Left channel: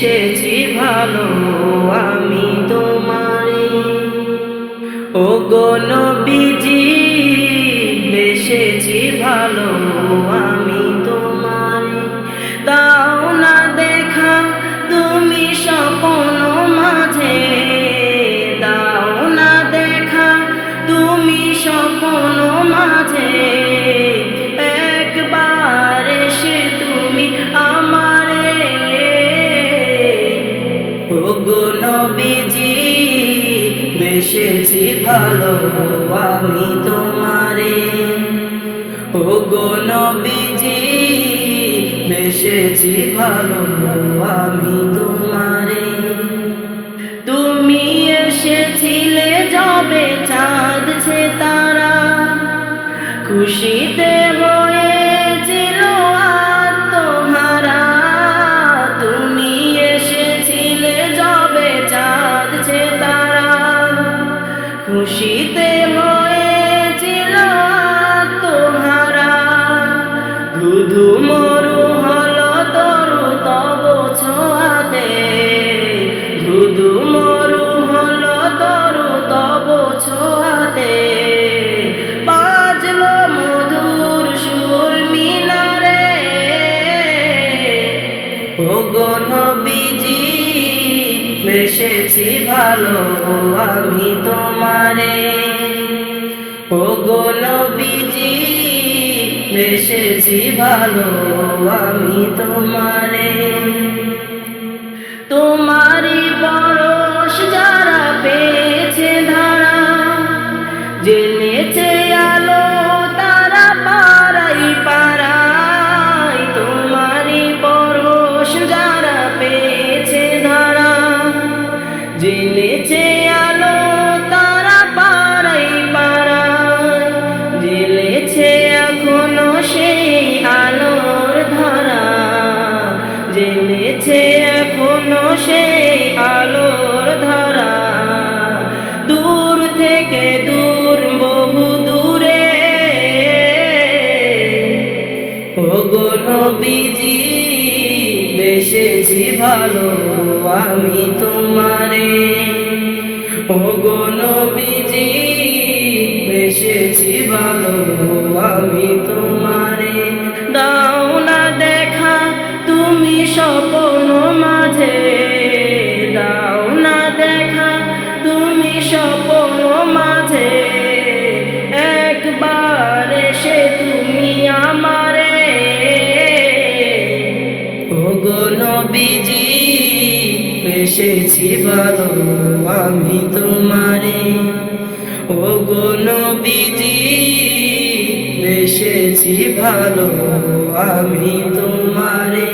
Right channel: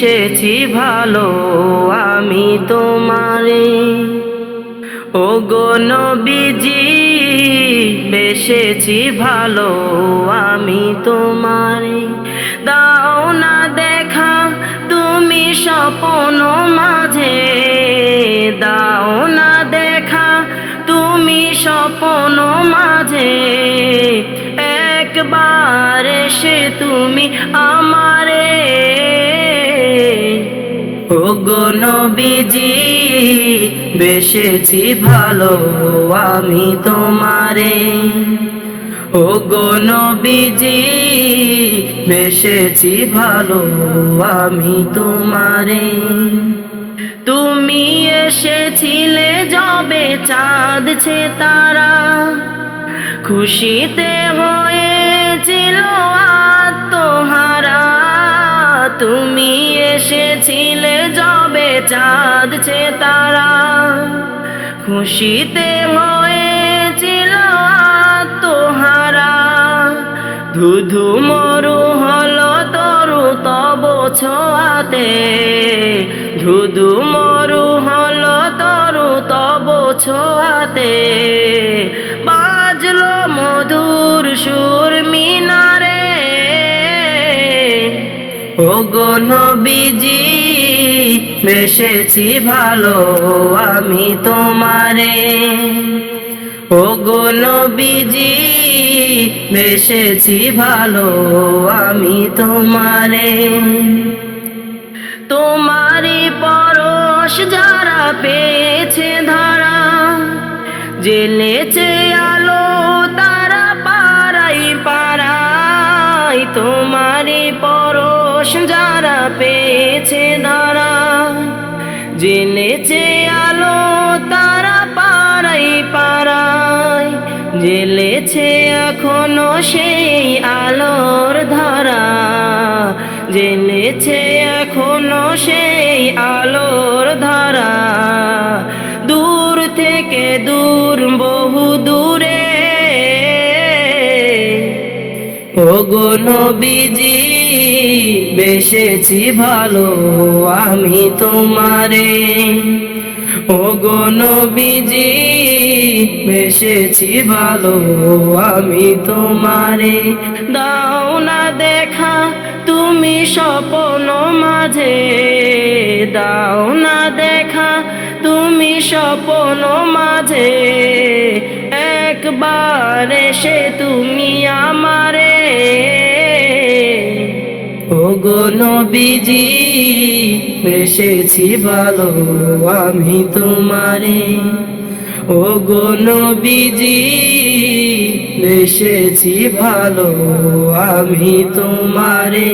বেসেছি ভালো আমি তোমারে। ওগো নবীজি বেসেছি ভালো আমি তোমারে। দাও না দেখা তুমি স্বপ্ন মাঝে, দাও না দেখা তুমি স্বপ্ন মাঝে। একবার এসে তুমি আমারে। ওগো নবীজি বেসেছি ভালো আমি তোমারে। ওগো নবীজি বেসেছি ভালো আমি তোমারে। তুমি এসেছিলে যবে চাঁদ ছে তারা, খুশিতে হয়েছিল আত্মহারা। তুমি এসেছিলে যবে চাঁদ ছে তারা, খুশিতে হয়েছিল আত্মহারা। ধুধু মরু হলো তরু তব ছোঁয়াতে, ধুধু মরু হলো তরু তব ছোঁয়াতে। বাজলো মধুর সুর মিনারে। ওগো নবীজি বেসেছি ভালো আমি তোমারে। ওগো নবীজি বেসেছি ভালো আমি তোমারে। তোমারি পরশ যারা পেয়েছে ধারা, জেলেছে আলো তারা পাড়াই পাড়াই। তোমারি পরশ যারা পেয়েছে ধারা, জেলেছে আলো তারা পাড়াই পাড়াই। জেলেছে এখনো সেই আলোর ধারা, জেলেছে এখনো সেই আলোর ধারা। দূর থেকে দূর বহু দূরে। ওগো নবীজি বেসেছি ভালো আমি তোমারে। ওগো নবীজি বেসেছি ভালো আমি তোমারে। দাও না দেখা তুমি স্বপ্ন মাঝে, দাও না দেখা তুমি স্বপ্ন মাঝে। একবার এসে তুমি আমারে। ওগো নবীজি বেসেছি ভালো আমি তোমারে। ওগো নবীজি বেসেছি ভালো আমি তোমারে।